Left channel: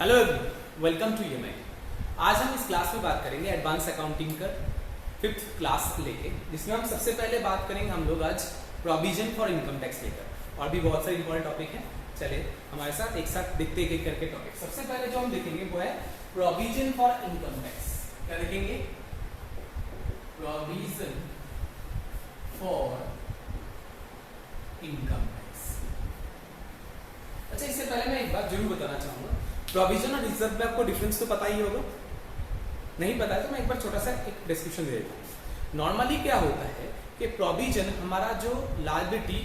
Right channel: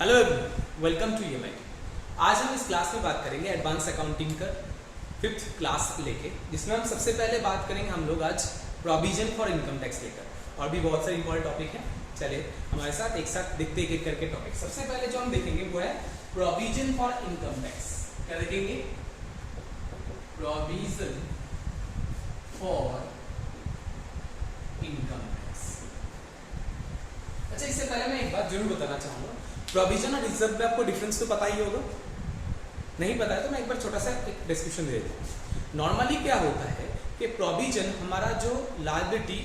Hello everyone, welcome to EMIT. आज हम इस क्लास में बात करेंगे एडवांस अकाउंटिंग का 5th क्लास लेके, जिसमें हम सबसे पहले बात करेंगे हम लोग आज प्रोविजन फॉर इनकम टैक्स लेकर, और भी बहुत सारे इंपॉर्टेंट टॉपिक हैं। चलिए हमारे साथ एक साथ देखते एक एक करके टॉपिक। सबसे पहले जो हम देखेंगे वो है प्रोविजन फॉर इनकम टैक्स। क्या देखेंगे? Provision for income tax. अच्छा, इससे पहले मैं एक बात जरूर बताना चाहूंगा, प्रोविजन और रिजर्व में आपको डिफरेंस तो पता ही होगा। नहीं पता है तो मैं एक बार छोटा सा एक डिस्क्रिप्शन दे देता हूँ। नॉर्मली क्या होता है कि प्रोविजन हमारा जो लायबिलिटी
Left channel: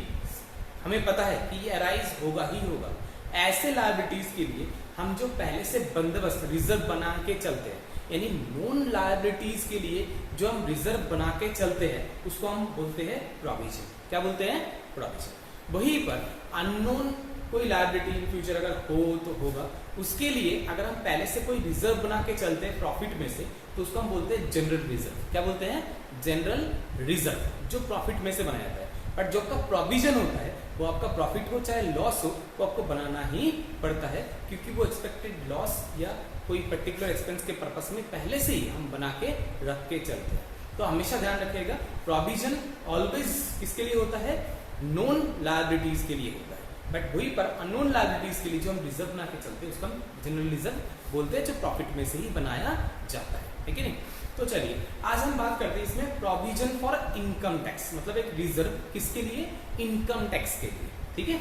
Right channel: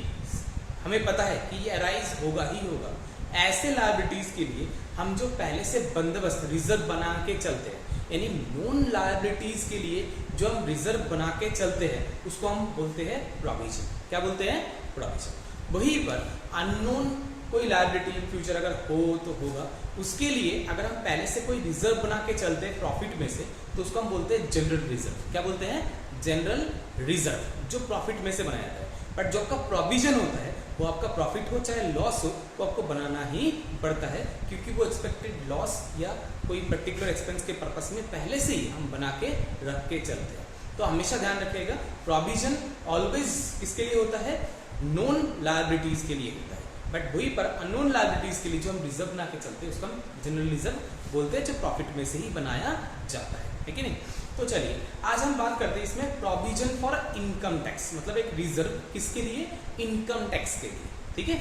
हमें पता है कि ये अराइज होगा ही होगा, ऐसे लायबिलिटीज के लिए हम जो पहले से बंदोबस्त रिजर्व बना के चलते हैं, यानी नॉन लायबिलिटीज के लिए जो हम रिजर्व बना के चलते हैं उसको हम बोलते हैं प्रोविजन। क्या बोलते हैं? प्रोविजन। वहीं पर अननोन कोई लायबिलिटी इन फ्यूचर अगर हो तो होगा, उसके लिए अगर हम पहले से कोई रिजर्व बना के चलते हैं प्रॉफिट में से, तो उसको हम बोलते हैं जनरल रिजर्व। क्या बोलते हैं? जनरल रिजर्व, जो प्रॉफिट में से बनाया जाता है। बट जो आपका प्रोविजन होता है वो आपका प्रॉफिट हो चाहे लॉस हो, वो आपको बनाना ही पड़ता है, क्योंकि वो एक्सपेक्टेड लॉस या कोई पर्टिकुलर एक्सपेंस के पर्पस में पहले से ही हम बना के रख के चलते हैं। तो हमेशा ध्यान रखिएगा, प्रोविजन ऑलवेज किसके लिए होता है? नॉन लायबिलिटीज के लिए होता है। बट वही पर अननोन लायबिलिटीज के लिए जो हम रिजर्व बना के चलते हैं उसको हम जनरल रिजर्व बोलते हैं, जो प्रॉफिट में से ही बनाया जाता है कि नहीं? तो चलिए आज हम बात करते हैं इसमें प्रोविजन फॉर इनकम टैक्स, मतलब एक रिजर्व किसके लिए? इनकम टैक्स के लिए। ठीक है,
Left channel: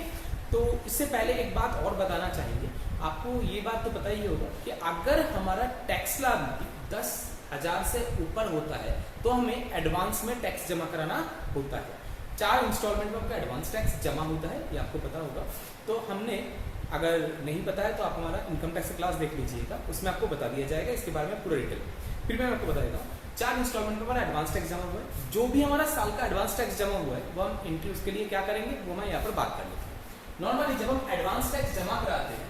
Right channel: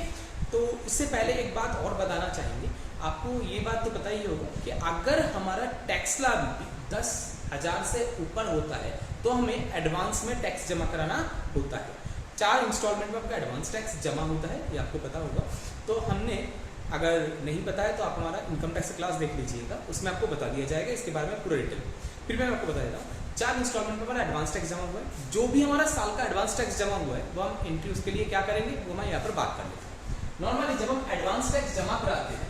तो इससे पहले एक बात और बताना चाहेंगे आपको। ये बात तो पता ही होगा कि अगर हमारा टैक्स लायबिलिटी 10,000 से ऊपर होता है तो हमें एडवांस में टैक्स जमा कराना होता है। 4 इंस्टॉलमेंट में आपका एडवांस टैक्स जमा होता है, ये आपको पता होगा। तो हमने, अगर नहीं पता है तो आप हमारा इनकम टैक्स क्लास देख लीजिएगा, उसमें आपको बता दिया जाएगा इसके बारे में पूरा डिटेल। फिर मैं आपको बता देता हूँ, 4 इंस्टॉलमेंट में हमारा एडवांस टैक्स जमा हुआ है। जो भी हमारा साल का एडवांस टैक्स जमा हुआ है वो हम एंट्री उसके लिए क्या करेंगे वो मैं यहाँ पर बात कर लेता हूँ। नॉर्मली जब हम एडवांस टैक्स जमा कराते हैं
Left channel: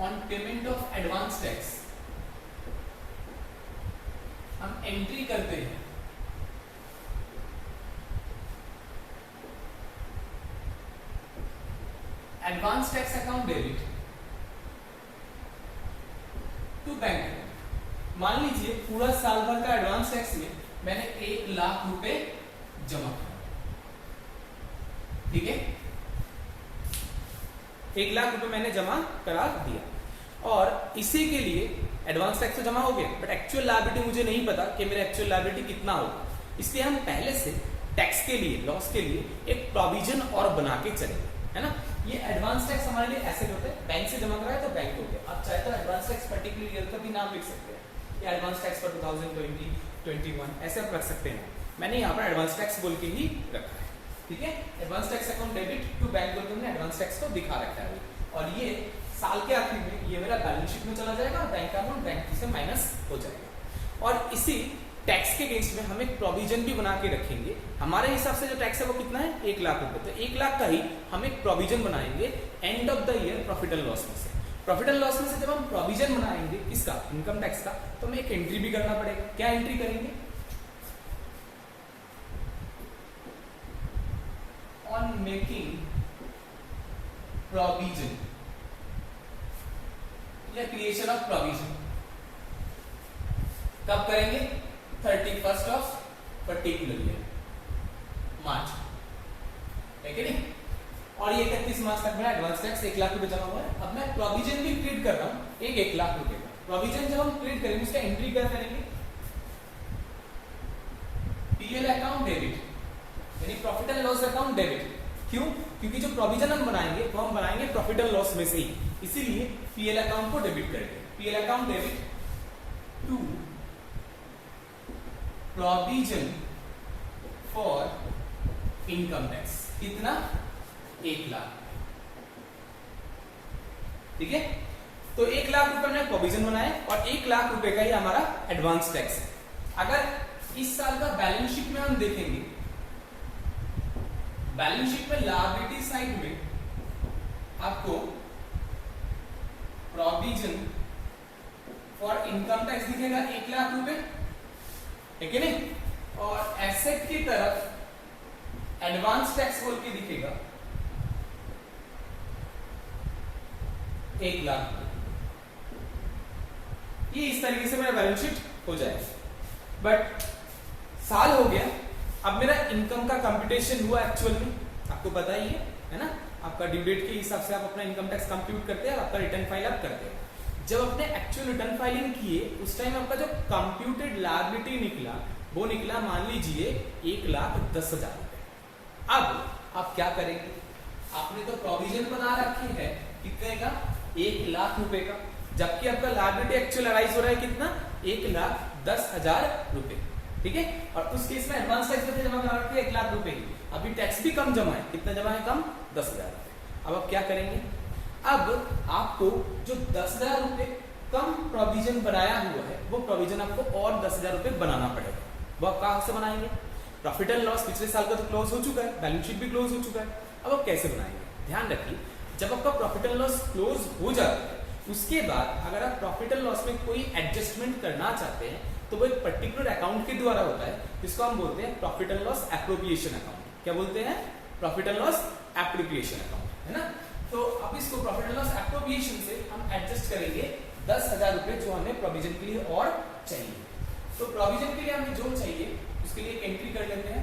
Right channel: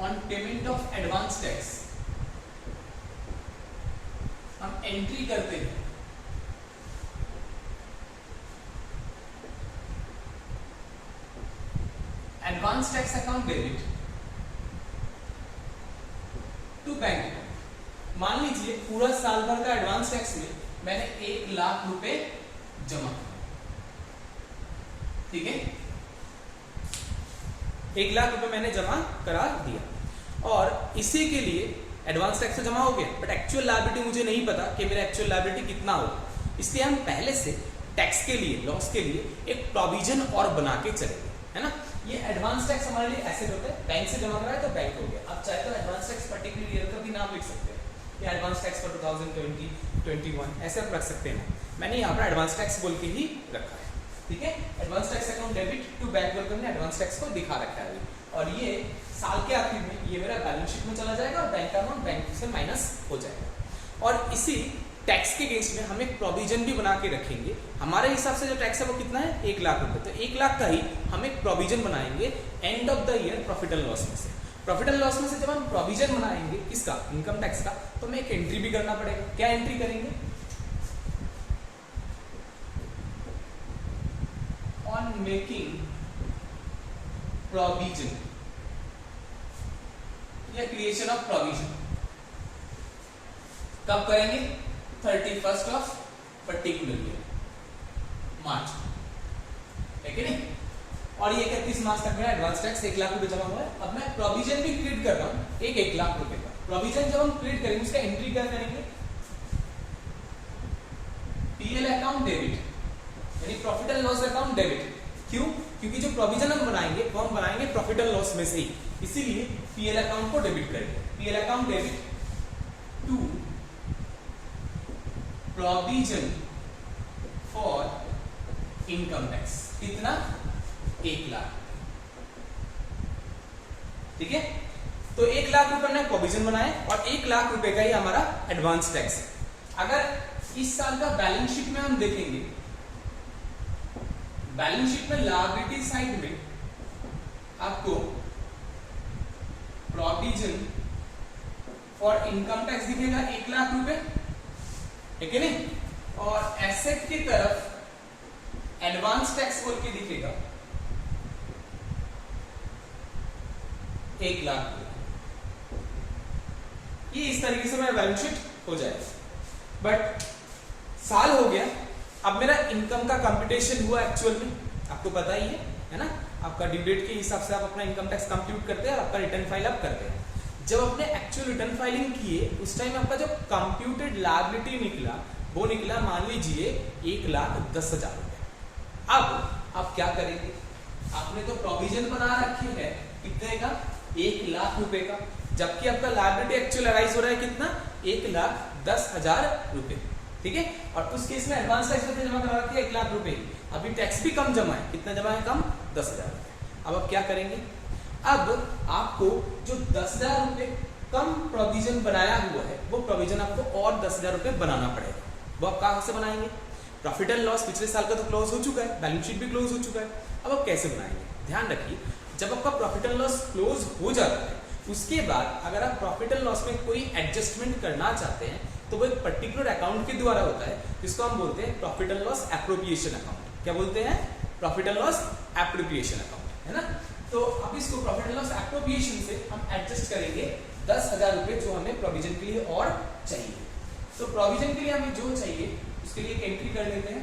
on payment of advance tax, हम एंट्री करते हैं advance tax account debit to bank. मान लीजिए पूरा साल भर का एडवांस टैक्स में मैंने 1 लाख रुपए जमा किया। ठीक है, 1 लाख रुपए मैंने जमा करा दिया, और इसी के लिए एडवांस टैक्स तो जमा हो गया, बट एक्चुअल लायबिलिटी मुझे नहीं पता कि मेरा एक्चुअल लायबिलिटी कितना होगा। इसलिए हम पहले से टैक्स के लिए, लॉस के लिए एक प्रोविजन और बना के चलेंगे, है ना? ये एडवांस टैक्स हमारे लिए एसेट होता है, बैंक से जमा कराए तो बैंक हो गया। आप चाहे तो एडवांस टैक्स पर्टिकुलर ईयर का भी नाम लिख सकते हैं, कि एडवांस टैक्स फॉर 2020, 21 ऐसे आप रख सकते हैं। मैंने यहाँ पर एडवांस टैक्स बोल के ही रखा है। ठीक है, advance tax account debit to bank बोल के हमने एडवांस टैक्स को दिखा रखा है, और ये साल के आखिर में ये मेरा बैलेंस शीट में चला जाएगा और बैंक का अमाउंट बैंक से माइनस हो जाएगा। और इसी टैक्स के केस में हम एक प्रोविजन भी बना के रखेंगे। हमारे हिसाब से जो टैक्स है वो कितना है? 1 लाख रुपए। तो 1 लाख का ही हम एक प्रोविजन बनाएंगे end of the year profit and loss में से। प्रॉफिट एंड लॉस में से जब हम प्रोविजन बनाएंगे किसका? इनकम टैक्स का, तो हमें एक एंट्री भी करना पड़ेगा। क्या एंट्री करेंगे? ऑन मेकिंग प्रोविजन या क्रिएशन ऑफ प्रोविजन। कब करेंगे? 31st ऑफ पर्टिकुलर ईयर, मार्च, है कि नहीं? और ये 31 मार्च तक मेरा एडवांस टैक्स 1 लाख रुपए जमा हुआ है। अब मैं प्रोविजन भी क्रिएट कर रहा हूं, 1 लाख रुपए का प्रोविजन जब हम क्रिएट करेंगे उसका एंट्री क्या करेंगे? पीएल अकाउंट डेबिट, यानी profit and loss account debit. क्यों? क्योंकि जो प्रोविजन हम बनाएंगे वो हम बनाएंगे प्रॉफिट एंड लॉस में से ही, इसीलिए पीएल अकाउंट को डेबिट करेंगे। PL account debit to provision for income tax. कितना? 1 लाख। ठीक है, तो 1 लाख रुपए ने प्रोविजन बनाया और 1 लाख रुपए का ही हमारा एडवांस टैक्स है। अगर इस साल का बैलेंस शीट में हम देखेंगे, बैलेंस शीट में लायबिलिटी साइड में आपको प्रोविजन फॉर इनकम टैक्स दिखेगा 1 लाख रुपए, है कि नहीं? और एसेट की तरफ एडवांस टैक्स बोल के दिखेगा 1 लाख, ये इस तरीके से मेरा बैलेंस शीट हो जाएगा। बट साल हो गया, अब मेरा इनकम का कंप्यूटेशन हुआ एक्चुअल में, आपको पता ही है ना, आपका ड्यू डेट के हिसाब से आप अपना इनकम टैक्स कंप्यूट करते हैं और आपका रिटर्न फाइल आप करते हैं। जब आपने एक्चुअल रिटर्न फाइलिंग किए उस टाइम आपका जो कंप्यूटेड लायबिलिटी निकला वो निकला मान लीजिए 1,10,000 रुपए। अब आप क्या करेंगे, आपने तो प्रोविजन बना रखी है कितने का, 1 लाख रुपए का, जबकि आपका लायबिलिटी एक्चुअल अराइज हो रहा है कितना, 1,10,000 रुपए, ठीक है। और उस केस में एडवांस टैक्स जमा करा रखे 1 लाख रुपए ही, अभी टैक्स भी कम जमा है, कितना जमा है कम, 10,000 रुपए। अब आप क्या करेंगे, अब आपको जो 10,000 रुपए कम प्रोविजन बनाया हुआ है वो प्रोविजन आपको और 10,000 रुपए बनाना पड़ेगा। वो आप कहां से बनाएंगे, प्रॉफिट एंड लॉस पिछले साल का तो क्लोज हो चुका है, बैलेंस शीट भी क्लोज हो चुका है, अब आप कैसे बनाएंगे, ध्यान रखिए। जब आपका प्रॉफिट एंड लॉस क्लोज हो जाता है उसके बाद अगर आप प्रॉफिट एंड लॉस में कोई एडजस्टमेंट करना चाहते हैं तो वो एक पर्टिकुलर अकाउंट के द्वारा होता है जिसको हम बोलते हैं profit and loss appropriation account. क्या बोलते हैं, profit and loss appropriation account, है ना। तो अब इसको प्रॉफिट एंड लॉस एप्रोप्रिएशन से हम एडजस्ट करेंगे 10,000 रुपए जो हमें प्रोविजन के लिए और चाहिए। तो प्रोविजन के लिए हमें जो चाहिए उसके लिए एक एंट्री कर लेते हैं।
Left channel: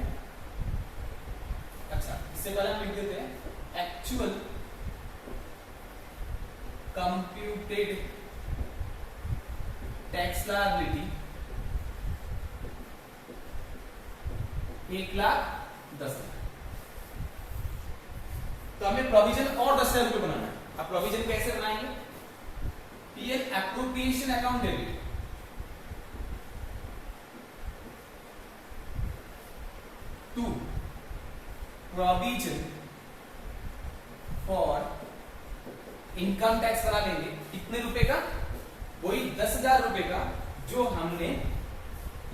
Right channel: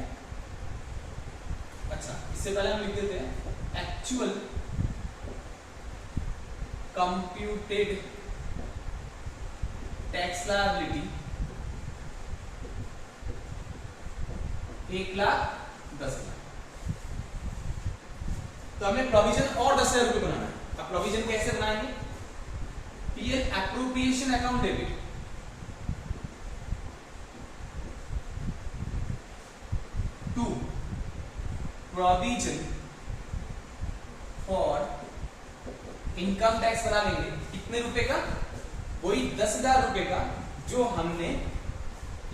अच्छा, इससे पहले हम लिख देते हैं एक्चुअल कंप्यूटेड टैक्स लायबिलिटी 1,10,000। तो हमें प्रोविजन और 10,000 रुपए बनाना है। अब प्रोविजन कैसे बनाएंगे, PL appropriation account debit to provision for income tax बना लेंगे, कितने रुपए का, वही 10,000 रुपए का जो हमने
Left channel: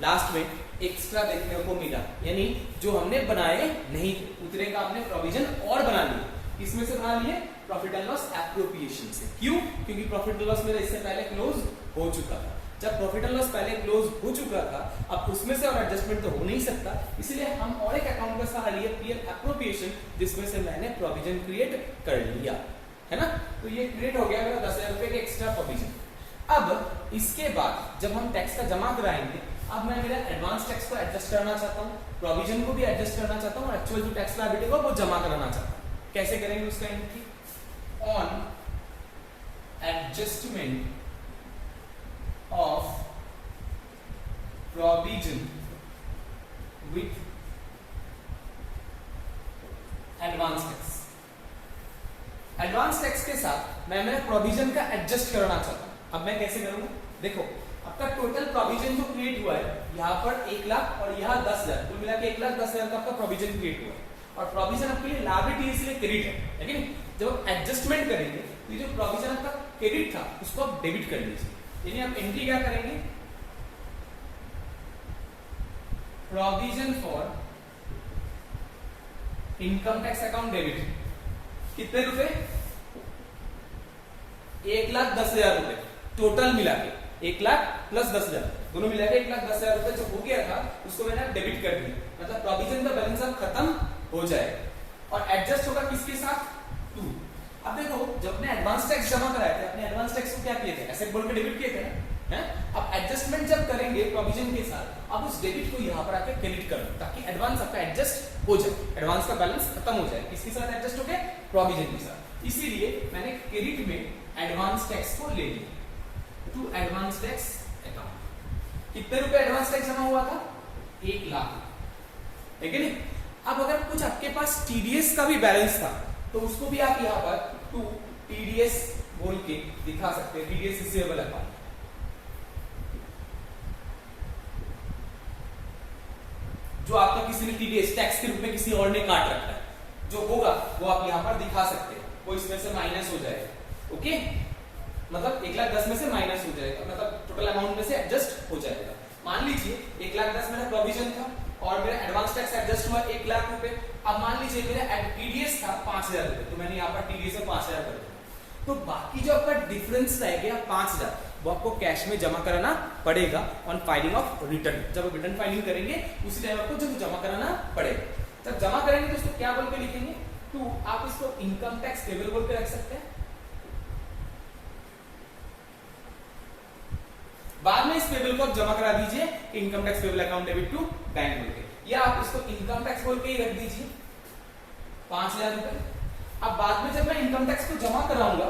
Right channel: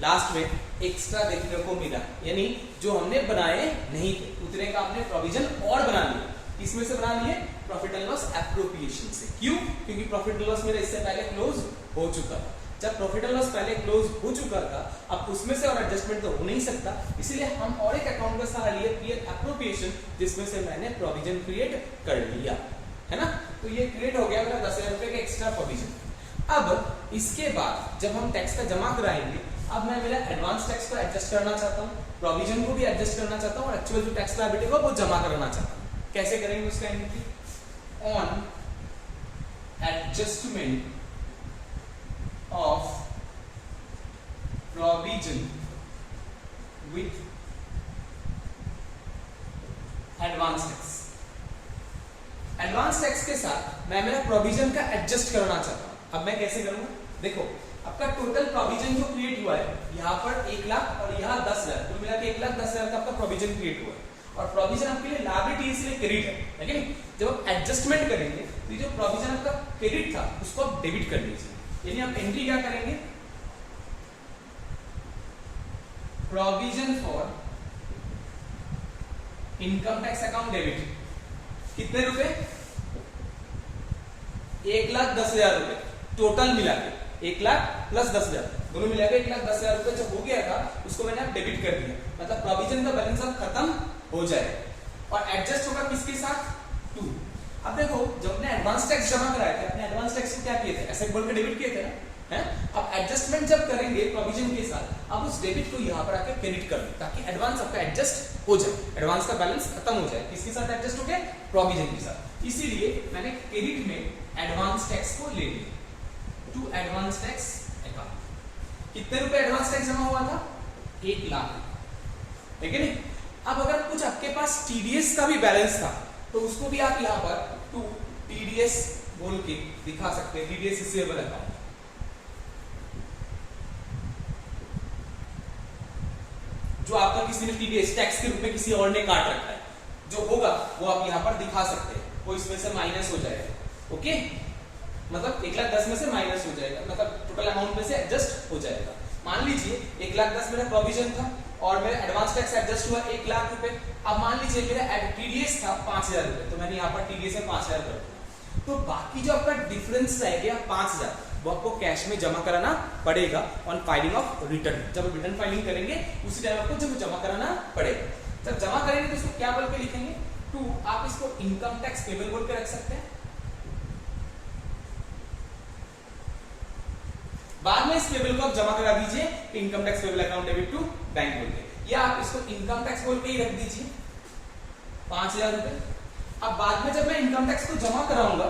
लास्ट में एक्स्ट्रा देखने को मिला, यानी जो हमने बनाए नहीं थे उतने का हमने प्रोविजन और बना लिया। किसमें से बना लिए, प्रॉफिट एंड लॉस एप्रोप्रिएशन से। क्यों, क्योंकि प्रॉफिट एंड लॉस मेरा इससे पहले क्लोज हो चुका था। जब प्रॉफिट एंड लॉस पहले क्लोज हो चुका था अब उसमें से और एडजस्टमेंट तो हो नहीं सकता, इसलिए हम और एक अकाउंट का सहारा लिए पीएल एप्रोप्रिएशन, जिसमें से मैंने प्रोविजन क्रिएट कर लिया, है ना। तो ये क्रिएट हो गया मेरा 10,000 रुपए का एक्स्ट्रा प्रोविजन। अब इसके बाद जब हम टैक्स का जमा कराएंगे, अब मैं मेरा एडवांस टैक्स को एडजस्ट करना चाहता हूँ, प्रोविजन को भी एडजस्ट करना चाहता हूँ और एक्चुअल जो टैक्स लायबिलिटी है वो जमा कराना चाहता हूँ। कैसे करेंगे उसका entry, on adjustment of provision with advance tax. Advance tax के साथ मैं मेरा प्रोविजन का एडजस्ट करना चाहता हूं। अब मैं कैसे करूंगा, देखो आपका टोटल प्रोविजन जो क्रिएट हुआ है यहाँ पर 1 लाख और यहाँ 10,000, कुल मिला के 1,10,000 का आपका प्रोविजन क्रिएट हुआ है और प्रोविजन आपके लिए लायबिलिटी इसलिए क्रेडिट है कि नहीं। जब आप एडजस्टमेंट करेंगे तो ये जो प्रोविजन आपका क्रेडिट था उसको आप डेबिट कर लीजिए, यानी आप एंट्री क्या करेंगे, provision for income tax account debit, कितने रुपए, 1,10,000 रुपए टोटल मिला के, 1 लाख प्लस 10,000 दोनों मिला के 1,10,000 रुपए जो हो गया था उसको मैंने अब डेबिट कर दिया, मतलब प्रोविजन का बैलेंस अब खत्म हो जाएगा और एडजस्ट होगा किसके साथ, 2। अब देखो जब अपने एडवांस टैक्स जमा कराए थे, अपने एडवांस टैक्स को क्या किए थे, ऐसे बोल के डेबिट किए थे ना, है। अब एडजस्टमेंट जब करेंगे प्रोविजन के साथ, अब उस डेबिट को यहाँ पर आकर क्रेडिट कर दो ताकि एडवांस आपका एडजस्ट हो जाए, एडवांस का बैलेंस खत्म हो जाए। किसके साथ एडजस्ट हो गया, प्रोविजन के साथ। इसीलिए मैंने क्रेडिट में एडवांस टैक्स को ले लिया टू एडवांस टैक्स अकाउंट। कितने रुपए एडवांस टैक्स जमा हुआ था, 1 लाख, ठीक है नहीं। अब अगर कुछ आपके पास टीडीएस का भी बैलेंस था तो उसको भी आप यहाँ पर टू टीडीएस बोल के दिखा सकते हैं, टीडीएस रिसीवेबल अकाउंट। जो आपका किसी ने टीडीएस टैक्स के रूप में किसी और ने काट रखा है, जो होगा वो आप यहाँ पर दिखा सकते हैं, वो इसमें से माइनस हो जाएगा, ओके। मतलब 1,10,000 में से माइनस हो जाएगा, मतलब टोटल अमाउंट में से एडजस्ट हो जाएगा। मान लीजिए 1,10,000 मेरा प्रोविजन था और मेरा एडवांस टैक्स एडजस्ट हुआ 1 लाख रुपए। अब मान लीजिए मेरा टीडीएस था 5,000 रुपए, तो मैंने यहाँ पर टीडीएस में 5,000 कर दिया, तो बाकी जो आपका डिफरेंस रह गया 5,000 वो आपको कैश में जमा कराना पड़ेगा ऑन फाइलिंग ऑफ रिटर्न। जब रिटर्न फाइलिंग करेंगे उसी टाइम आपको जब जमा कराना पड़ेगा। जब जमा करेंगे तो इसको क्या बोल के लिखेंगे, टू, आप इसको इनकम टैक्स पेबल बोल के रख सकते हैं, बाद में इस पेबल को आप जमा करा दीजिए कि income tax payable account debit to bank बोल के, या आप इसको इनकम टैक्स बोल के ही रख दीजिए 5,000 रुपए। अब बाद में जब मैं इनकम टैक्स को जमा कराऊंगा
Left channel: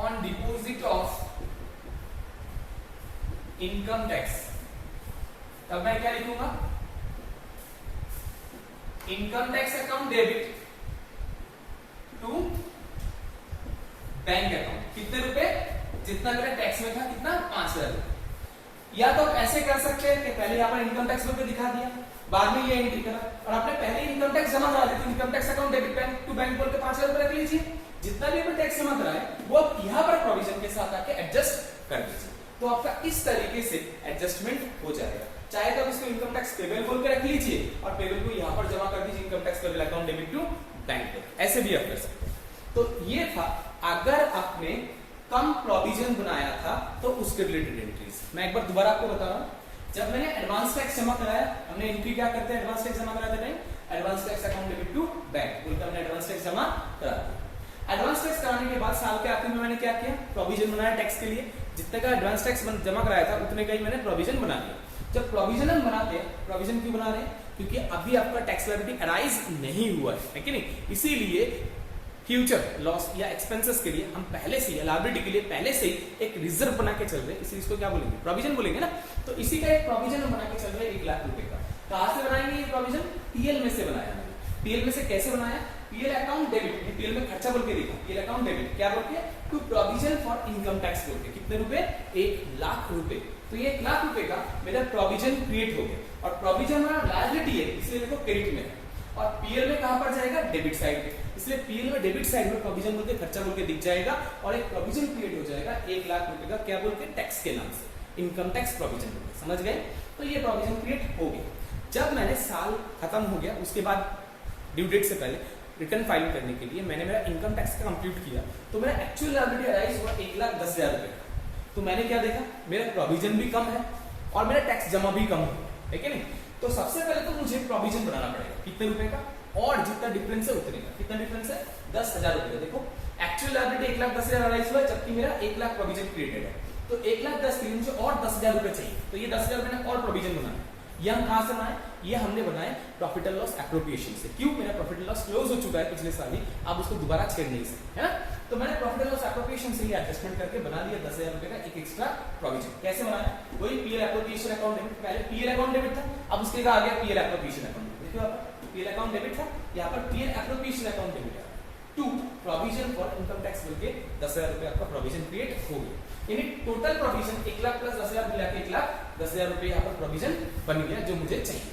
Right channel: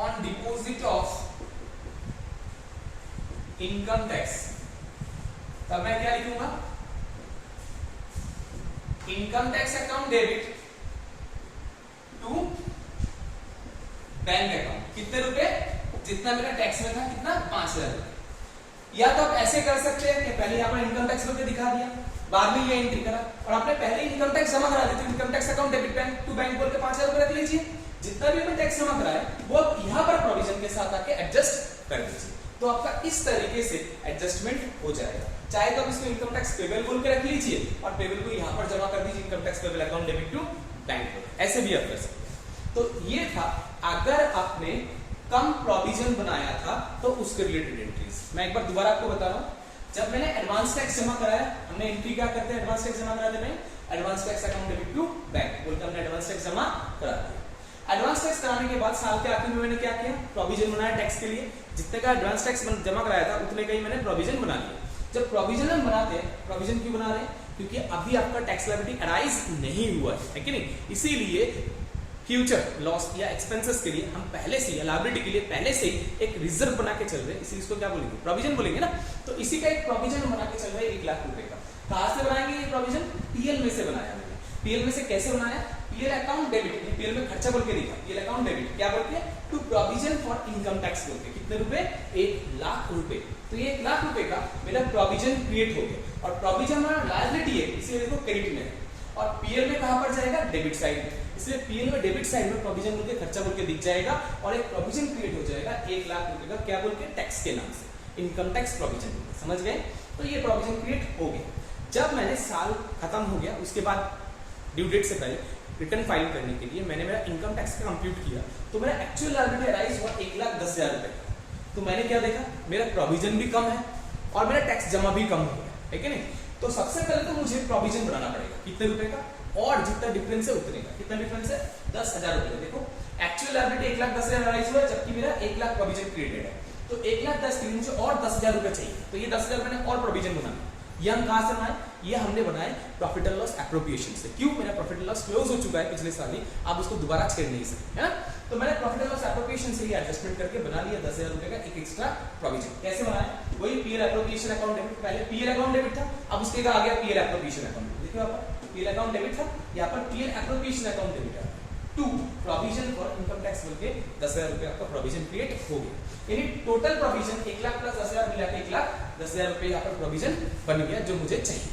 on deposit of income tax, तब मैं क्या लिखूंगा, income tax account debit to bank account, कितने रुपए, जितना मेरा टैक्स में था, कितना 5,000 रुपए। या तो आप ऐसे कर सकते हैं कि पहले यहाँ पर इनकम टैक्स रुपए दिखा दिया, बाद में ये एंट्री करा, और आपने पहले इनकम टैक्स जमा करा दी, तो income tax account debit bank to bank बोल के 5,000 रुपए रख लीजिए। जितना भी आपने टैक्स जमा करा है वो आप यहाँ पर प्रोविजन के साथ आके एडजस्ट कर दीजिए, तो आपका इस तरीके से एडजस्टमेंट हो जाएगा। चाहे तो आप इसको इनकम टैक्स पेबल बोल के रख लीजिए और पेबल को यहाँ पर जमा कर दीजिए, income tax payable account debit to bank, ऐसे भी आप कर सकते हैं। तो ये था अगर आपने कम प्रोविजन बनाया था तो उसके रिलेटेड एंट्रीज। मैं एक बार दोबारा आपको बता रहा हूँ, जब मैंने एडवांस टैक्स जमा कराया, हमने एंट्री क्या करते हैं, एडवांस टैक्स जमा कराते नहीं, advance tax account debit to bank बोलकर हमने एडवांस टैक्स जमा करा दिया। एडवांस टैक्स कराने के बाद साल के आखिर में मैंने क्या किया, प्रोविजन बनाया टैक्स के लिए, जितने का एडवांस टैक्स जमा कराया था उतने का ही मैंने प्रोविजन बना लिया। जब प्रोविजन हम बनाते हैं, प्रोविजन क्यों बना रहे हैं, क्योंकि अभी आपका टैक्स लायबिलिटी अराइज नहीं हुआ है कि नहीं, इसीलिए फ्यूचर लॉस या एक्सपेंसेस के लिए हम पहले से, या लायबिलिटी के लिए पहले से ही एक रिजर्व बना के चल रहे हैं, इसी इसको क्या बोलेंगे, प्रोविजन बोलेंगे ना। तो इसी का एक प्रोविजन बना के चल रहे हैं 1 लाख रुपए का। कहां से बनाएंगे ये प्रोविजन, पीएल में से बनाया मैंने। पीएल में से कैसे बनाया, पीएल अकाउंट डेबिट, पीएल में खर्चा बोल के दिखा, पीएल अकाउंट डेबिट क्या बोल के, to provision for income tax बोल के, कितने रुपए, 1 लाख रुपए। तो ये 1 लाख रुपए का मेरा प्रोविजन क्रिएट हो गया, और प्रोविजन और लायबिलिटी है इसलिए देखो क्रेडिट में है, और पीएल में कहां पर जाएगा, डेबिट साइड में, इसलिए पीएल में डेबिट साइड में प्रोविजन बोल के खर्चा बोल के दिख जाएगा, और एक प्रोविजन क्रिएट हो जाएगा 1 लाख रुपए का, क्या बोल के, टैक्स के नाम से, इनकम टैक्स प्रोविजन। समझ गए, तो ये प्रोविजन क्रिएट हो गया। जब मैंने साल खत्म हो गया, उसके बाद ड्यू डेट से पहले रिटर्न फाइल करने के लिए मैंने मेरा इनकम टैक्स का कंप्यूट किया, तो मेरा एक्चुअल लायबिलिटी अराइज हुआ 1,10,000 रुपए का। तो मैंने क्या देखा, मेरा प्रोविजन भी कम है और मेरा टैक्स जमा भी कम हो गया है कि नहीं। तो सबसे पहले तो मुझे प्रोविजन बनाना पड़ेगा, कितने रुपए का, और जितना डिफरेंस है उतने का। कितना डिफरेंस है, 10,000 रुपए। देखो एक्चुअल लायबिलिटी 1,10,000 अराइज हुआ, जबकि मेरा 1 लाख प्रोविजन क्रिएटेड है, तो 1,10,000 के लिए मुझे और 10,000 रुपए चाहिए। तो ये 10,000 मैंने और प्रोविजन बनाया। ये हम कहां से बनाए, ये हमने बनाए प्रॉफिट एंड लॉस एप्रोप्रिएशन से। क्यों, मेरा प्रॉफिट एंड लॉस क्लोज हो चुका है पिछले साल ही, आप उसको दोबारा छेड़ नहीं सकते, है ना। तो मैंने प्रॉफिट एंड लॉस एप्रोप्रिएशन से ये एडजस्टमेंट करके बना लिया 10,000 रुपए का एक एक्स्ट्रा प्रोविजन। कैसे बनाया, वही पीएल एप्रोप्रिएशन अकाउंट डेबिट, पहले पीएल अकाउंट डेबिट था, अब उसके आ गया पीएल एप्रोप्रिएशन अकाउंट। देखो यहाँ पर पीएल अकाउंट डेबिट था, यहाँ पर पीएल एप्रोप्रिएशन अकाउंट डेबिट है, to provision for income tax बोल के 10,000 रुपए आपका प्रोविजन क्रिएट हो गया। यानी टोटल प्रोविजन 1 लाख प्लस 10,000 मिला के 1,10,000 रुपए यहाँ पर प्रोविजन बन गया जो मुझे चाहिए।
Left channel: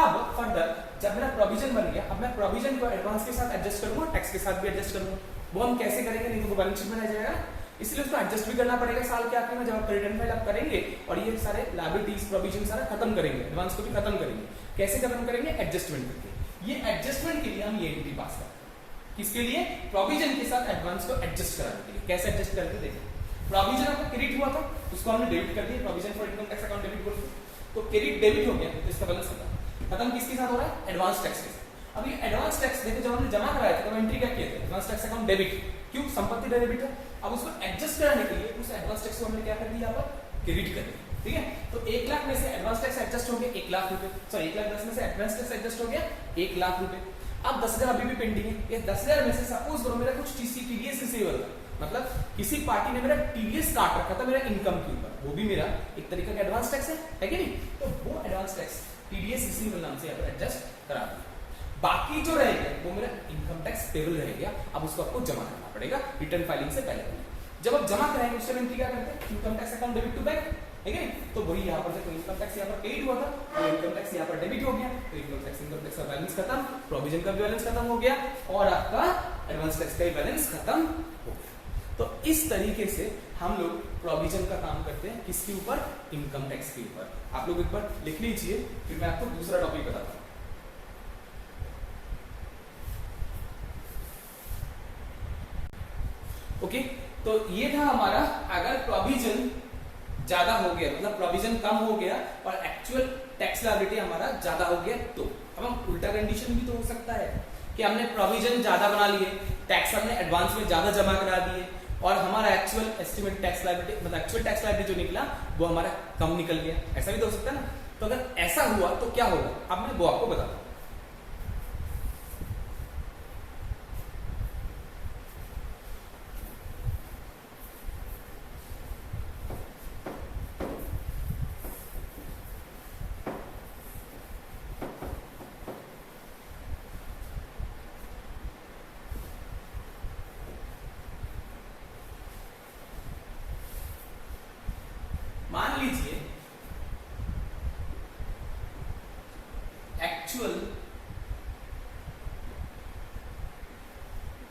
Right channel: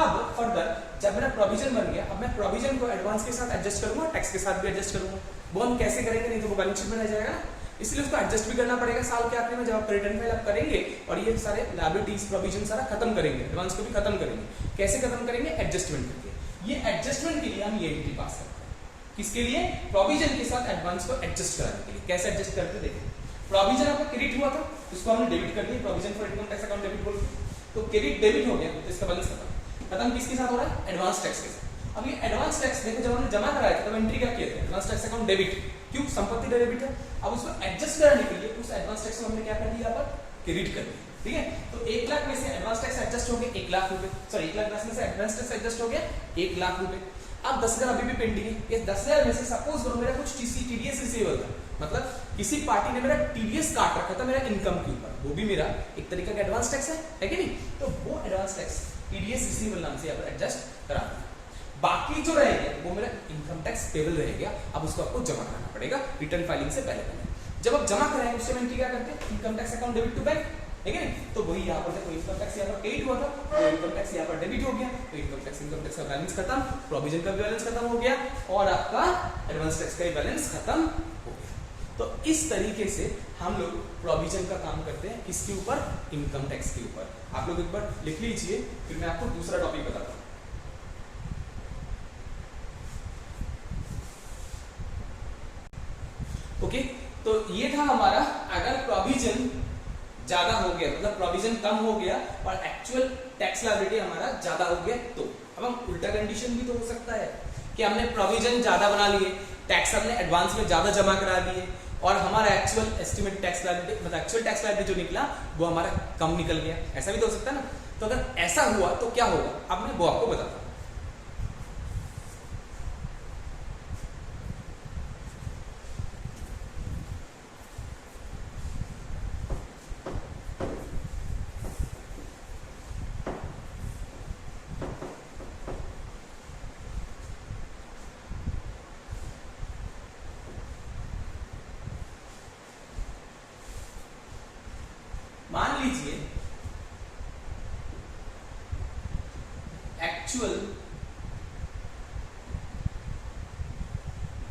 अब फर्दर जब मेरा प्रोविजन बन गया, अब मैं प्रोविजन को एडवांस के साथ एडजस्ट करूंगा, टैक्स के साथ भी एडजस्ट करूंगा। वो हम कैसे करेंगे, नहीं तो वो बैलेंस शीट में रह जाएगा ना, इसलिए उसको एडजस्ट भी करना पड़ेगा साल के आखिर में जब आप रिटर्न फाइल आप करेंगे, और ये सारे लायबिलिटीज प्रोविजन सारा खत्म करेंगे, एडवांस को भी खत्म करेंगे। कैसे खत्म करेंगे, एडजस्टमेंट करके। ये एडजस्टमेंट के लिए हम ये एंट्री पास करते हैं, किसके लिए, प्रोविजन के साथ एडवांस को एडजस्ट कराने के लिए। कैसे एडजस्ट करते देखो, प्रोविजन आपका क्रेडिट हुआ था, उसको हमने डेबिट कर दिया, provision for income tax account debit बोलते, तो क्रेडिट डेबिट हो गया, तो इसका बैलेंस खत्म किसके साथ हो रहा है, एडवांस टैक्स के साथ। अब ये एडवांस टैक्स देखो, जब हमने जमा कराया था तब एंट्री क्या किया था, एडवांस टैक्स अकाउंट डेबिट, क्यों, संपत्ति डेबिट है। अब उसको एडजस्ट कराने के लिए उस एडवांस टैक्स को हमने क्या कर दिया, यहाँ पर क्रेडिट कर दिया, ठीक है। तो 1 लाख में से एडवांस टैक्स एडजस्ट हो गया 1 लाख रुपए, सॉरी 1,10,000 में से एडवांस टैक्स एडजस्ट हो गया 1 लाख रुपए। अब 10,000 अभी भी पेंडिंग है, ये 10,000 में से सपोज करो मेरा कुछ टीडीएस रिसीवेबल था, मतलब किसी पार्टी ने मेरा टीडीएस काट रखा था मेरा इनकम के ऊपर, वो भी मेरा एक तरीके का एडवांस टैक्स है कि नहीं। तो वो एडवांस टैक्स टीडीएस रिसीवेबल नाम से यहाँ पर एडजस्ट करा दिया। बाकी जो रह गया वो मेरा इनकम टैक्स पेबल रह गया, अब उसको आपको जमा करना पड़ेगा रिटर्न फाइलिंग से पहले। जब आप जमा कराएंगे उससे एंट्री क्या करते हैं, income tax account debit to bank, है कि नहीं। तो वही यहाँ पर जब इनकम टैक्स यहाँ पर पेड हुआ था, तो इनकम टैक्स यहाँ पर डेबिट हो गया, तो इनकम टैक्स का बैलेंस खत्म, प्रोविजन का भी बैलेंस खत्म हो गया, और आपका एडवांस टैक्स का भी बैलेंस खत्म हो गया। तो इस तरीके से हम लोग प्रोविजन का काम करते हैं, किसके ऊपर, इनकम टैक्स के ऊपर। आप लोग एक बार लिख लीजिए, फिर मैं आपको दूसरा टॉपिक बताता हूँ। ओके, तो ये था हमारा, अगर प्रोविजन ज्यादा हो गया, मतलब प्रोविजन कम हो गया और एक्चुअल टैक्स लायबिलिटी हमारा ज्यादा हो गया, तो अब हम उल्टा कंडीशन भी तो हो सकता है, कि हमने प्रोविजन ज्यादा बना लिए, टैक्स हमने एडवांस में ज्यादा जमा करा दिए और हमारा एक्चुअल एस्टिमेट टैक्स लायबिलिटी मतलब एक्चुअल टैक्स लायबिलिटी जो निकला वो हमारा कम निकल गया। ऐसा भी तो हो सकता है ना। तो अगर ऐसा हुआ तो क्या होगा, अब मैं वो आपको बताता हूं। मान लीजिए एक्चुअल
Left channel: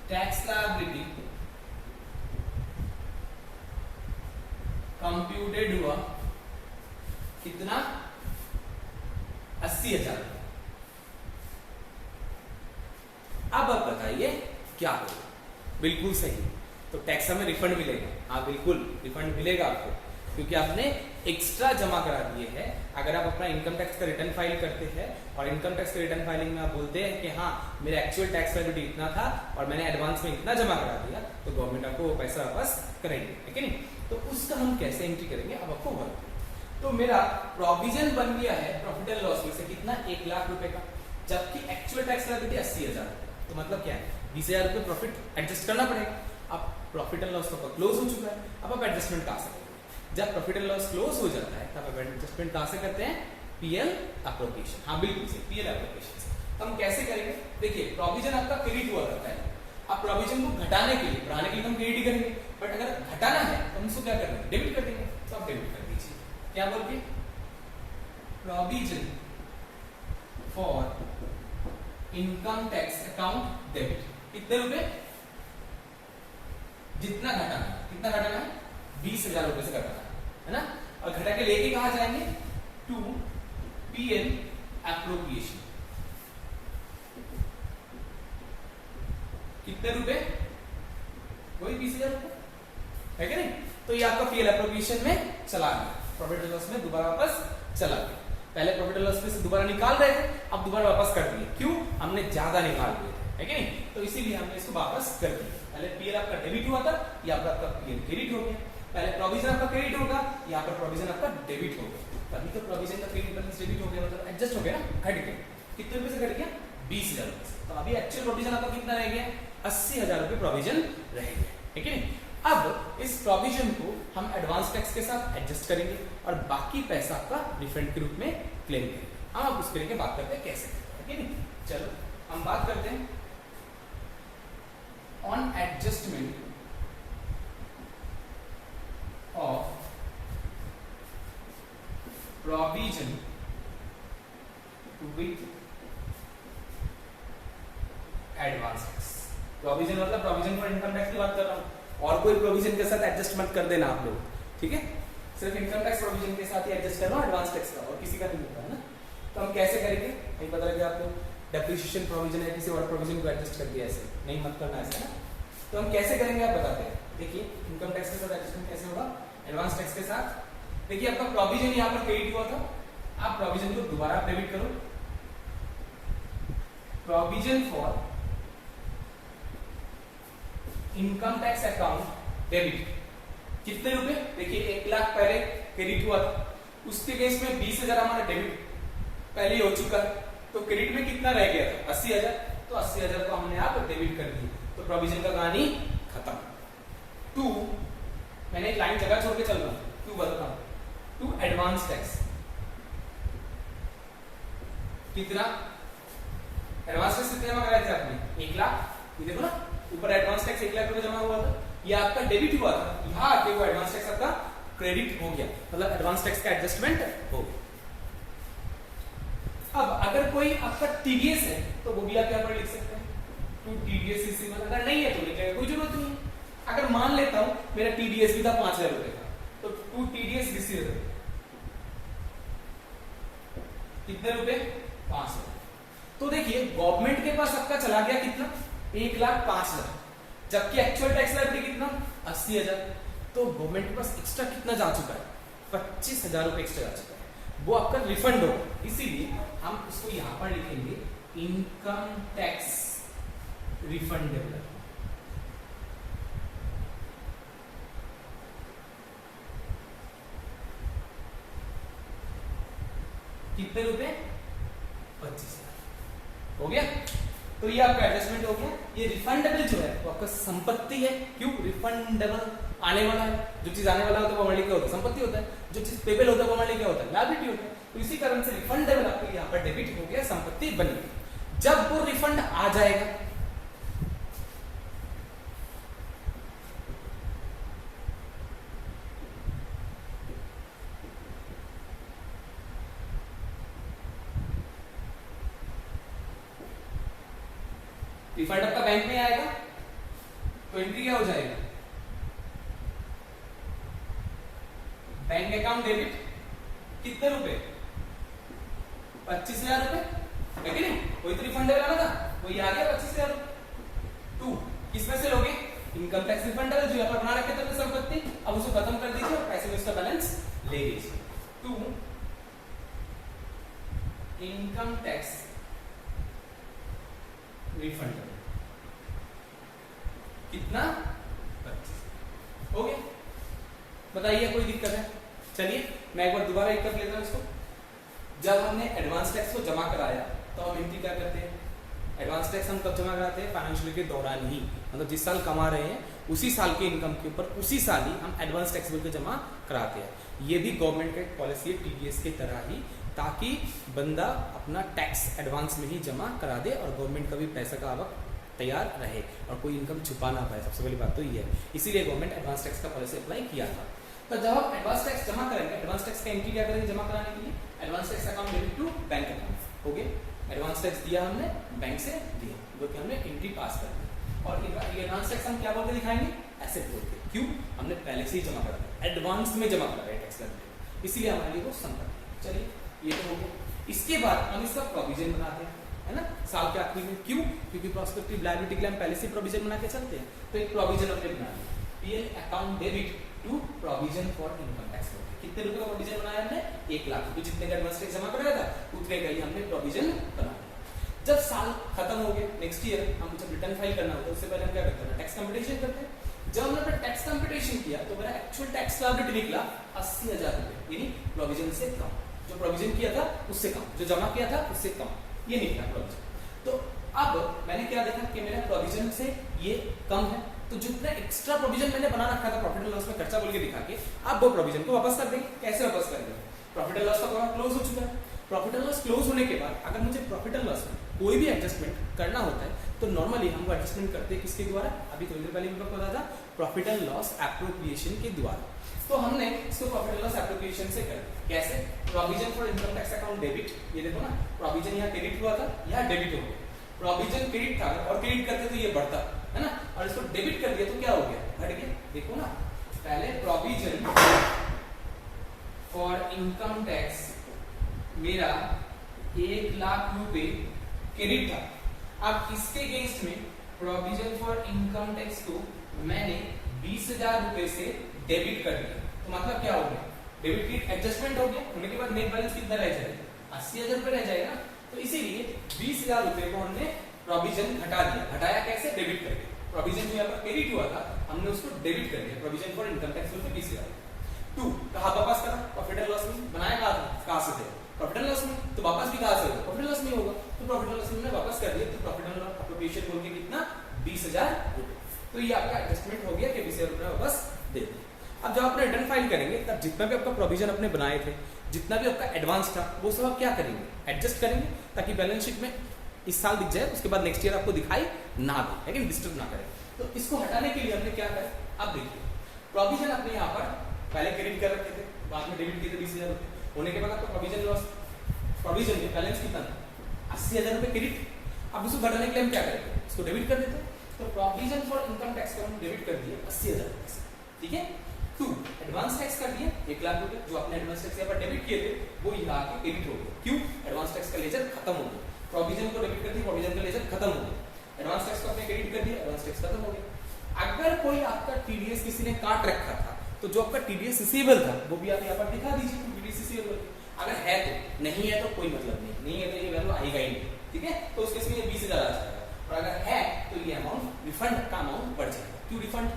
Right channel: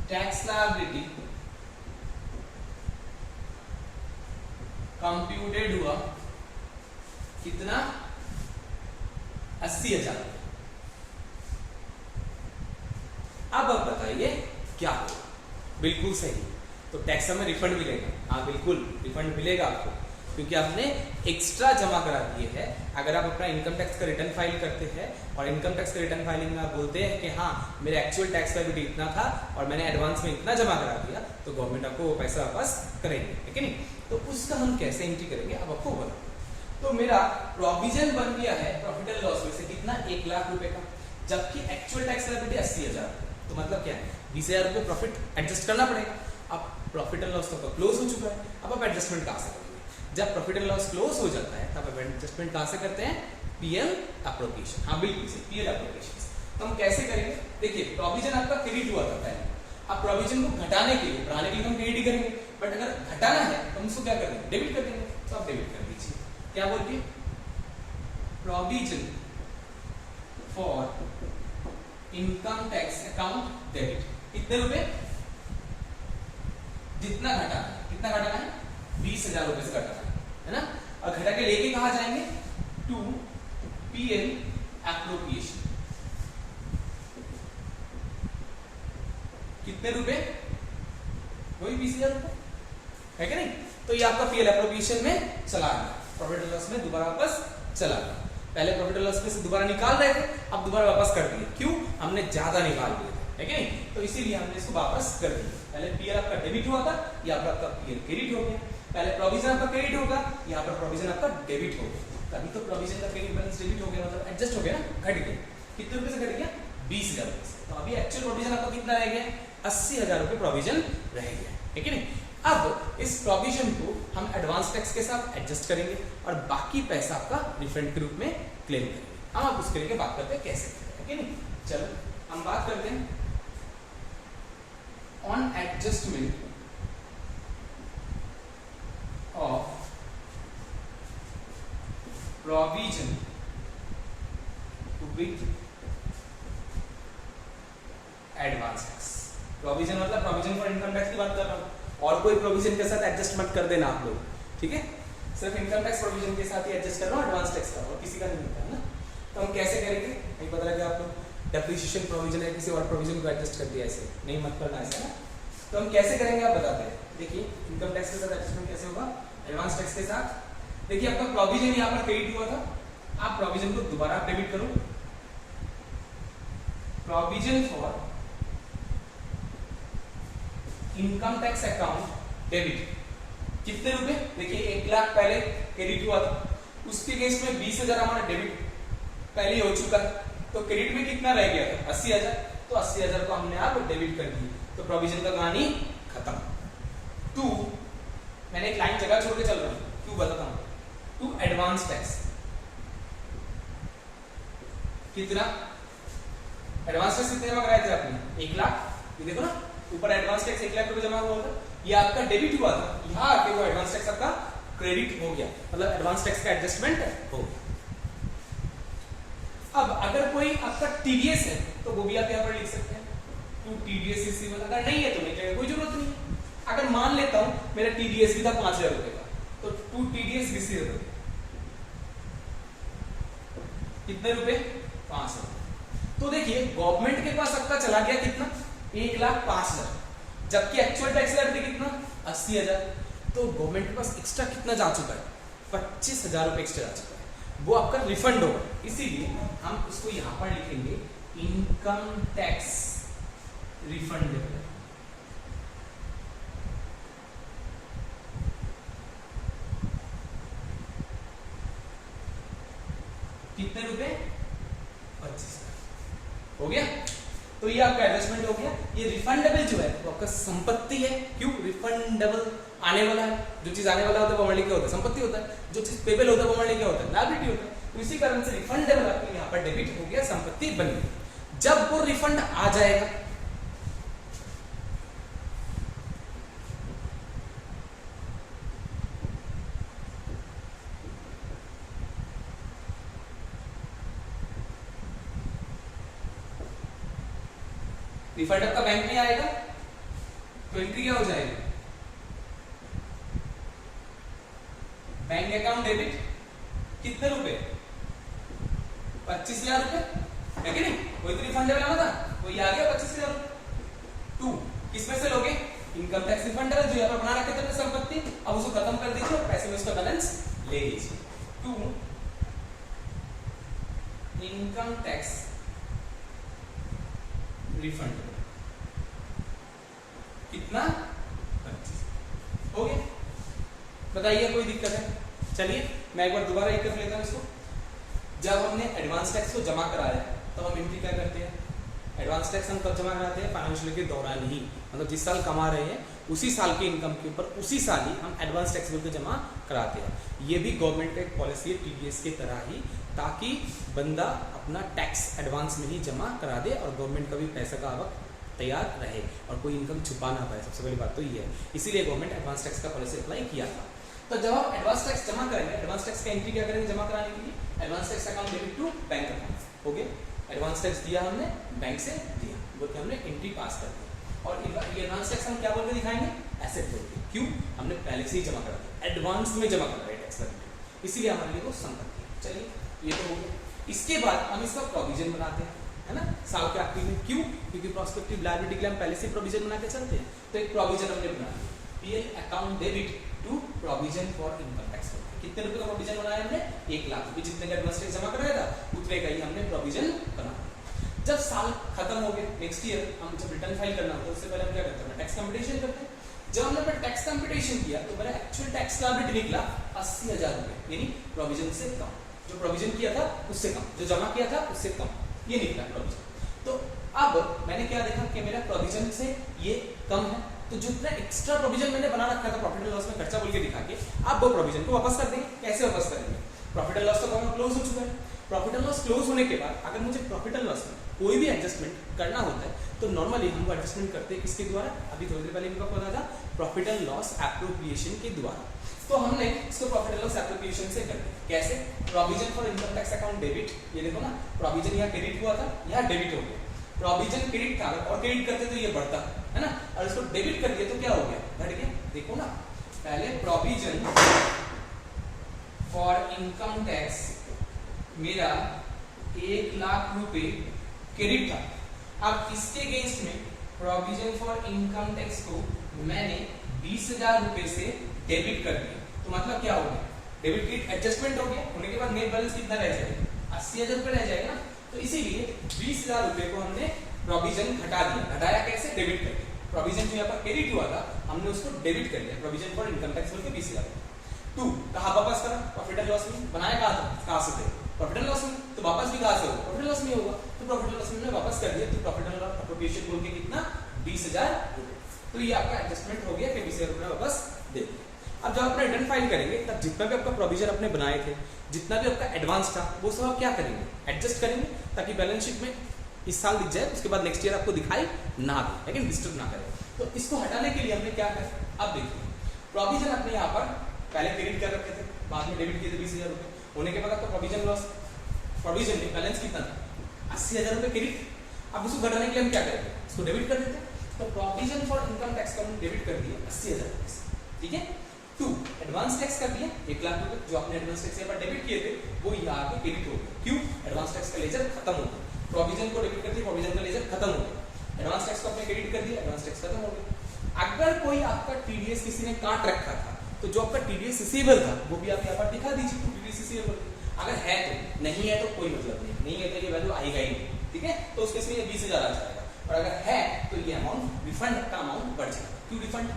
टैक्स लायबिलिटी कंप्यूटेड हुआ कितना, 80,000। अब आप बताइए क्या होगा। बिल्कुल सही, तो टैक्स हमें रिफंड मिलेगा। हाँ बिल्कुल रिफंड मिलेगा आपको, क्योंकि आपने एक्स्ट्रा जमा करा दिए हैं। अगर आप अपना इनकम टैक्स का रिटर्न फाइल करते हैं और इनकम टैक्स का रिटर्न फाइलिंग में आप बोलते हैं कि हाँ मेरा एक्चुअल टैक्स लायबिलिटी इतना था और मैंने एडवांस में इतना जमा करा दिया, तो गवर्नमेंट आपको वो पैसा वापस करेंगे, ठीक है नहीं। तो उसका हम कैसे एंट्री करेंगे अब आपको बोला। तो मेरा प्रोविजन बन गया है प्रॉफिट एंड लॉस में से कितना, 1 लाख रुपए का, जबकि एक्चुअल टैक्स लायबिलिटी 80,000। तो मतलब क्या है, 20,000 रुपए प्रॉफिट एडजस्ट करना पड़ेगा। अब प्रॉफिट एंड लॉस तो क्लोज हो चुका है, अब आप एडजस्टमेंट कहां से करेंगे। जब प्रॉफिट एंड लॉस क्लोज हो जाता है तब आप एडजस्टमेंट कहां से करते हैं, पीएल एप्रोप्रिएशन। हाँ बिल्कुल सही, पीएल एप्रोप्रिएशन। तो हम कैसे करेंगे, देखिए प्रोविजन आपका क्रेडिट हुआ था पहले, अब प्रोविजन को घटाने के लिए, बढ़ाने के लिए हम क्रेडिट ही करेंगे, बट अगर घटाना है तो हम उसको क्या करेंगे, डेबिट कर देंगे। तो आप डेबिट कर दीजिए, क्या बोल के, provision for income tax account debit. कितने रुपए, जितना घटाना है, कितना घटाना है, 20,000 रुपए से घटाना है ना। और घटा के लेके कहां जाएंगे, टू पीएल एप्रोप्रिएशन। कितने रुपए, वही 20,000 रुपए है कि नहीं। तो ये आपका पीएल एप्रोप्रिएशन में चला गया, प्रॉफिट एंड लॉस में दोबारा वापस चला गया। पहले प्रॉफिट एंड लॉस में से दोबारा निकाल रहे थे, अब दोबारा वापस कर दिए, क्यों, हमने ज्यादा निकाल दिए थे, है कि नहीं। तो इसीलिए हमने इसको वापस कर दिया। पहले पीएल आपका डेबिट हुआ था, यहाँ पर आपका पीएल क्रेडिट हो गया। पहले प्रोविजन आपका क्रेडिट होगा, यहाँ पर प्रोविजन आपका डेबिट हो गया। तभी तो प्रोविजन का क्रेडिट बैलेंस डेबिट हो गया, मतलब एडजस्ट हो गया ना, घट गया। कितने रुपए से घट गया, 20,000 रुपए से। तो अभी एक्चुअल प्रोविजन आपका कितना रह गया, 80,000 रुपए प्रोविजन रह गया, ठीक है नहीं। अब इस प्रोविजन को हम एडवांस टैक्स के साथ एडजस्ट करेंगे और बाकी पैसा आपका रिफंड के रूप में क्लेम करेंगे। हम आप उसके लिए बात करते हैं कैसे, ठीक है नहीं। चलो हम बात करते हैं on adjustment of provision with advance tax। Provision मतलब प्रोविजन फॉर इनकम टैक्स की बात कर रहा हूं, और कोई प्रोविजन के साथ एडजस्ट मत कर देना आप लोग, ठीक है। सिर्फ इनकम टैक्स प्रोविजन के साथ ही एडजस्ट कर रहा हूं, एडवांस टैक्स का और किसी का नहीं होता है ना। तो हम कैसे करेंगे, नहीं पता लगे आप लोग, डेप्रिसिएशन प्रोविजन है, किसी और प्रोविजन को एडजस्ट कर दिया, ऐसे नहीं मत करना ऐसे ना। तो हम कैसे करेंगे आप बताते हैं। देखिए इनकम टैक्स के साथ एडजस्टमेंट कैसे होगा, एडवांस टैक्स के साथ। देखिए आपका प्रोविजन यहां पर क्रेडिट हुआ था, आप प्रोविजन को दोबारा डेबिट करो। Provision for income tax account debit, कितने रुपए, देखिए 1 लाख पहले क्रेडिट हुआ था, उसके केस में 20,000 हमारा डेबिट पहले ही हो चुका है, तो क्रेडिट में कितना रह गया था, 80,000। तो 80,000 को हमने आप डेबिट कर दिया, तो प्रोविजन का कहानी खत्म। टू, मैंने एक लाइन जगह छोड़ के चल रहा हूं, क्यों बताता हूं, टू एडवांस टैक्स। कितना एडवांस टैक्स कितने जमा कराए थे आपने, 1 लाख। ये देखो ना ऊपर एडवांस टैक्स 1 लाख रुपए जमा हुआ था, ये आपका डेबिट हुआ था, यहाँ आके वो एडवांस टैक्स आपका क्रेडिट हो गया, मतलब एडवांस टैक्स का एडजस्टमेंट हो गया। अब अगर कोई आपका टीडीएस है तो वो भी आप यहाँ पर लिख सकते हैं, टू टीडीएस रिसीवेबल। अगर नहीं है तो नहीं चाहिए, कोई जरूरत नहीं है। अगर मान लेता हूं मेरा टीडीएस भी था 5,000 रुपए का, तो टू टीडीएस रिसीवेबल कितने रुपए, 5,000। तो देखिए गवर्नमेंट के पास आपका चला गया कितना, 1,05,000, जबकि एक्चुअल टैक्स लायबिलिटी कितना, 80,000। तो गवर्नमेंट के पास एक्स्ट्रा कितना जा चुका है, 25,000 रुपए एक्स्ट्रा जा चुका है, वो आपका रिफंड होगा। इसीलिए हम उसको यहां पर लिखेंगे इनकम टैक्स रिफंडेबल। कितने रुपए? 25,000 हो गया। तो ये आपका एडजस्टमेंट हो गया। ये रिफंडेबल जो है वो आपका संपत्ति है। क्यों रिफंडेबल? आने वाला है। जो चीज आने वाला होता है वो हमारे लिए क्या होता है? संपत्ति होता है। जो चीज पेबल होता है वो हमारे लिए क्या होता है? लायबिलिटी होता है। तो इसी कारण से रिफंडेबल आपके यहाँ पर डेबिट हो गया, संपत्ति बनी। जब वो रिफंड आ जाएगा, रिफंड आपका बैंक में आएगा तो एंट्री क्या हो जाएगी? Bank account debit. कितने रुपए? 25,000 रुपए, है कि नहीं? वही तो रिफंडेबल आना था, वही आ गया 25,000 रुपए। 2 किसमें से लोगे? इनकम टैक्स रिफंडेबल जो यहाँ पर बना रखे थे अपनी संपत्ति, अब उसको खत्म कर दीजिए और पैसे में उसका बैलेंस ले लीजिए। 2 इनकम टैक्स रिफंडेबल। कितना? 25। हो गया। बताइए कोई दिक्कत है? चलिए मैं एक बार दोबारा एक कर लेता हूं इसको। जब हमने एडवांस टैक्स को जमा कराया तो हम एंट्री क्या करते हैं? एडवांस टैक्स हम कब जमा कराते हैं? फाइनेंशियल के दौरान ही, मतलब जिस साल कमा रहे हैं उसी साल के इनकम के ऊपर उसी साल ही हम एडवांस टैक्स बिल को जमा कराते हैं। ये भी गवर्नमेंट का एक पॉलिसी है टीडीएस के तरह ही, ताकि बंदा अपना टैक्स एडवांस में ही जमा करा दे और गवर्नमेंट का भी पैसा का आवक तैयार रहे और कोई इनकम छुपा ना पाए। सबसे बड़ी बात तो ये है, इसीलिए गवर्नमेंट एडवांस टैक्स का पॉलिसी अप्लाई किया था। तो जब आप एडवांस टैक्स जमा करेंगे, एडवांस टैक्स का एंट्री क्या करेंगे जमा कराने के लिए? Advance tax account debit to bank account. Okay, advance tax दिया हमने, बैंक से दिया, बोल के हमने एंट्री पास कर दी। और ये एडवांस टैक्स हम क्या बोल के दिखाएंगे? एसेट बोल के। क्यों? हमने पहले से ही जमा करा दिया, एडवांस में जमा करा है टैक्स लगने, इसीलिए हमारे लिए वो संपत्ति है। चलिए ये तो हो गया। इसके बाद हम इसका प्रोविजन बनाते हैं, है ना, साल के आखिरी में। क्यों? क्योंकि प्रोस्पेक्टिव लायबिलिटी के लिए हम पहले से प्रोविजन बना के चलते हैं। तो एक प्रोविजन हमने बना लिया, PL account debit to provision for income tax. कितने रुपए का प्रोविजन बनाया हमने? 1 लाख रुपए। जितने का एडवांस टैक्स जमा कराया था उतने का ही हमने प्रोविजन बना। जब साल खत्म हो गया, नेक्स्ट ईयर हम जब रिटर्न फाइल करना होता है उससे पहले हम क्या करते हैं? टैक्स कंप्यूटेशन करते हैं। जब हमने टैक्स कंप्यूटेशन किया तो मेरा एक्चुअल टैक्स लायबिलिटी निकला 80,000 रुपए, यानी प्रोविजन से कम। जो प्रोविजन किया था उससे कम, जो जमा किया था उससे कम, ये निकला प्रोविजन। तो अब मैंने क्या देखा कि मेरा प्रोविजन से ये कम है, तो जितना एक्स्ट्रा प्रोविजन मैंने बना रखा था प्रॉफिट एंड लॉस में खर्चा बोल के दिखा के, आप वो प्रोविजन को वापस कर देंगे। कैसे वापस करेंगे? प्रॉफिट एंड लॉस का अकाउंट क्लोज हो चुका है। प्रॉफिट एंड लॉस क्लोज होने के बाद अगर मुझे प्रॉफिट एंड लॉस में कोई भी एडजस्टमेंट करना होता है तो नॉर्मली हम वो एडजस्टमेंट करते हैं किसके द्वारा? अभी थोड़ी देर पहले इनको पता था, प्रॉफिट एंड लॉस एप्रोप्रिएशन के द्वारा। तो हमने इसको प्रॉफिट एंड लॉस एप्रोप्रिएशन से कर दिया। कैसे? Provision for income tax account debit, ये देखो ना, प्रोविजन यहाँ क्रेडिट हुआ था, यहाँ डेबिट हो गया। प्रोविजन क्रेडिट था और क्रेडिट करते तो ये बढ़ता है ना, और इसको डेबिट कर दिया तो क्या हो गया? घट गया। देखो ना, पहले प्रोविजन फॉर इनकम टैक्स मेरा 1 लाख रुपए क्रेडिट था। अब इसके अगेंस्ट में प्रोविजन फॉर इनकम टैक्स को मैंने 20,000 रुपए से डेबिट कर दिया। तो मतलब क्या हो गया? डेबिट क्रेडिट एडजस्टमेंट हो गया, होने के बाद नेट बैलेंस कितना रह जाएगा? 80,000 रुपए रह जाएगा। तो इसीलिए 20,000 रुपए को हमने प्रोविजन घटा दिया। घटाया कैसे? डेबिट कर दिया। प्रोविजन जो यहाँ पर क्रेडिट हुआ था हमने उसको डेबिट कर दिया, प्रोविजन फॉर इनकम टैक्स में 20,000। 2 कहाँ वापस करा? प्रॉफिट एंड लॉस में। बनाया कहाँ था? कहाँ से थे? प्रॉफिट एंड लॉस में। तो वापस भी कहाँ से होगा? प्रॉफिट एंड लॉस में होगा। तो प्रॉफिट एंड लॉस में वापस कर दिया, तो प्रॉफिट एंड लॉस एप्रोप्रिएशन बोल के कितना? 20,000 रुपए। तो ये आपका एडजस्टमेंट हो गया कि 20,000 रुपए वापस दे दिया। अब जब आप रिटर्न फाइल करेंगे तब जितना भी आपका प्रोविजन अपने बनाए थे, जितना भी आपका एडवांस था, वो सब आप क्या करेंगे? एडजस्ट करेंगे, ताकि बैलेंस शीट में इस साल दिख जाए, उसके बाद नेक्स्ट ईयर आपको दिखाई ना दे, लेकिन डिस्टर्ब ना करे। तो इसको हटाने के लिए हमने क्या करा? अब देखिए, प्रोविजन अपने यहाँ पर पहले क्रेडिट कर रखे थे, बाद में डेबिट किए थे 20,000 रुपए। होने के बाद आपको प्रोविजन लॉस, प्रोविजन में बैलेंस कितना था? 80,000 रुपए क्रेडिट। अब उसको घटाने के लिए हम क्या करेंगे? इसको डेबिट कर देते हैं। तो प्रोविजन फॉर इनकम टैक्स का हम डेबिट कर दिए 80,000 रुपए, ठीक है। 2 एडवांस टैक्स कर दिए 1 लाख रुपए, जो आपने एडवांस टैक्स यहाँ पर डेबिट किए थे वो यहाँ आके क्रेडिट हो गया। क्यों? एडवांस टैक्स का लेजर खत्म हो गया। प्रोविजन को डेबिट कर दिया, प्रोविजन का लेजर खत्म हो गया। एडवांस टैक्स को आपने क्रेडिट कर दिया, एडवांस टैक्स खत्म हो गया। अगर कोई आपका टीडीएस किसी ने काट रखा था तो जो आपका टीडीएस रिसीवेबल था वो भी आप यहाँ पर दिखा दीजिए, टीडीएस रिसीवेबल। अगर है तो, नहीं है तो कोई मतलब नहीं है तो ये वैल्यू आएगा ही नहीं, ठीक है। तो उस केस में 20,000 आ जाएगा। और अगर है तो ये अमाउंट रिफंड का अमाउंट बढ़ जाएगा। क्यों रिफंड?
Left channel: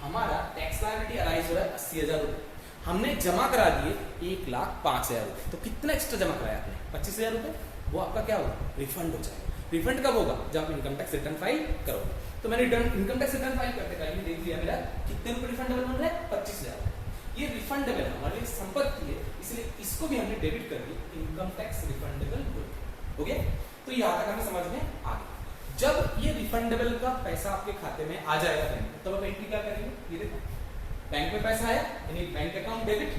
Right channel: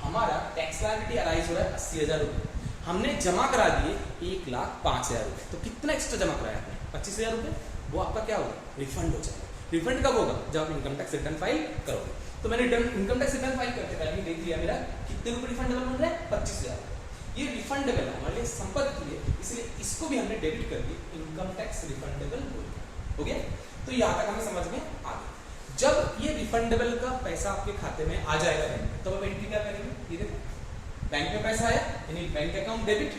हमारा टैक्स लायबिलिटी अराइज हो रहा है 80,000 रुपये, हमने जमा करा दिए 1,05,000 रुपये, तो कितना एक्स्ट्रा जमा कराया आपने? 25,000 रुपये, वो आपका क्या होगा? रिफंड हो जाएगा। रिफंड कब होगा? जब आप इनकम टैक्स रिटर्न फाइल करोगे। तो मैंने इनकम टैक्स रिटर्न फाइल करते टाइम देख लिया मेरा कितने रुपए रिफंडेबल बन रहा है? 25,000। ये रिफंडेबल है, हमारे लिए संपत्ति है, इसलिए इसको भी हमने डेबिट कर दिया इनकम टैक्स रिफंडेबल हो गया। तो यहाँ तक हमें समझ में आ गया। जब ये रिफंडेबल का पैसा आपके खाते में आ जाएगा बैंक में, तब आप एंट्री क्या करेंगे? ये देखो बैंक में पैसा आया, यानी बैंक अकाउंट डेबिट।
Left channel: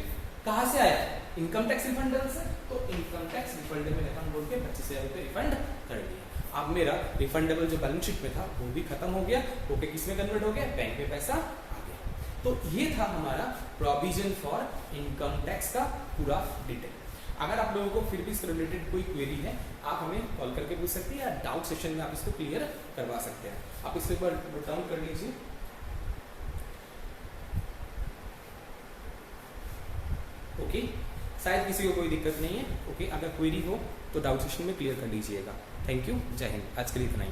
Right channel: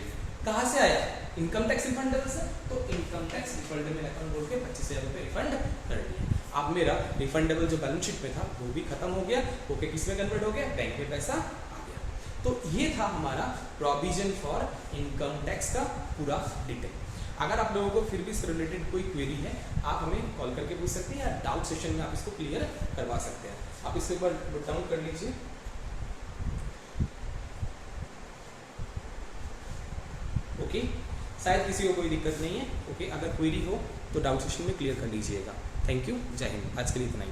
कहां से आया? इनकम टैक्स रिफंडेबल से। तो इनकम टैक्स रिफंडेबल अकाउंट बोल के 25,000 रुपये रिफंड कर दिया। अब मेरा रिफंडेबल जो बैलेंस शीट में था वो भी खत्म हो गया, ओके किस में कन्वर्ट हो गया? बैंक में पैसा आ गया। तो ये था हमारा प्रोविजन फॉर इनकम टैक्स का पूरा डिटेल। अगर आप लोगों को फिर भी इससे रिलेटेड कोई क्वेरी है, आप हमें कॉल करके पूछ सकते हैं या डाउट सेशन में आप इसको क्लियर करवा सकते हैं। आप इसको एक बार नोट डाउन कर लीजिए। ओके, शायद किसी को कोई दिक्कत नहीं है। ओके, अगर क्वेरी हो तो डाउट सेशन में क्लियर कर लीजिएगा। थैंक यू, जय हिंद। आज के लिए इतना ही।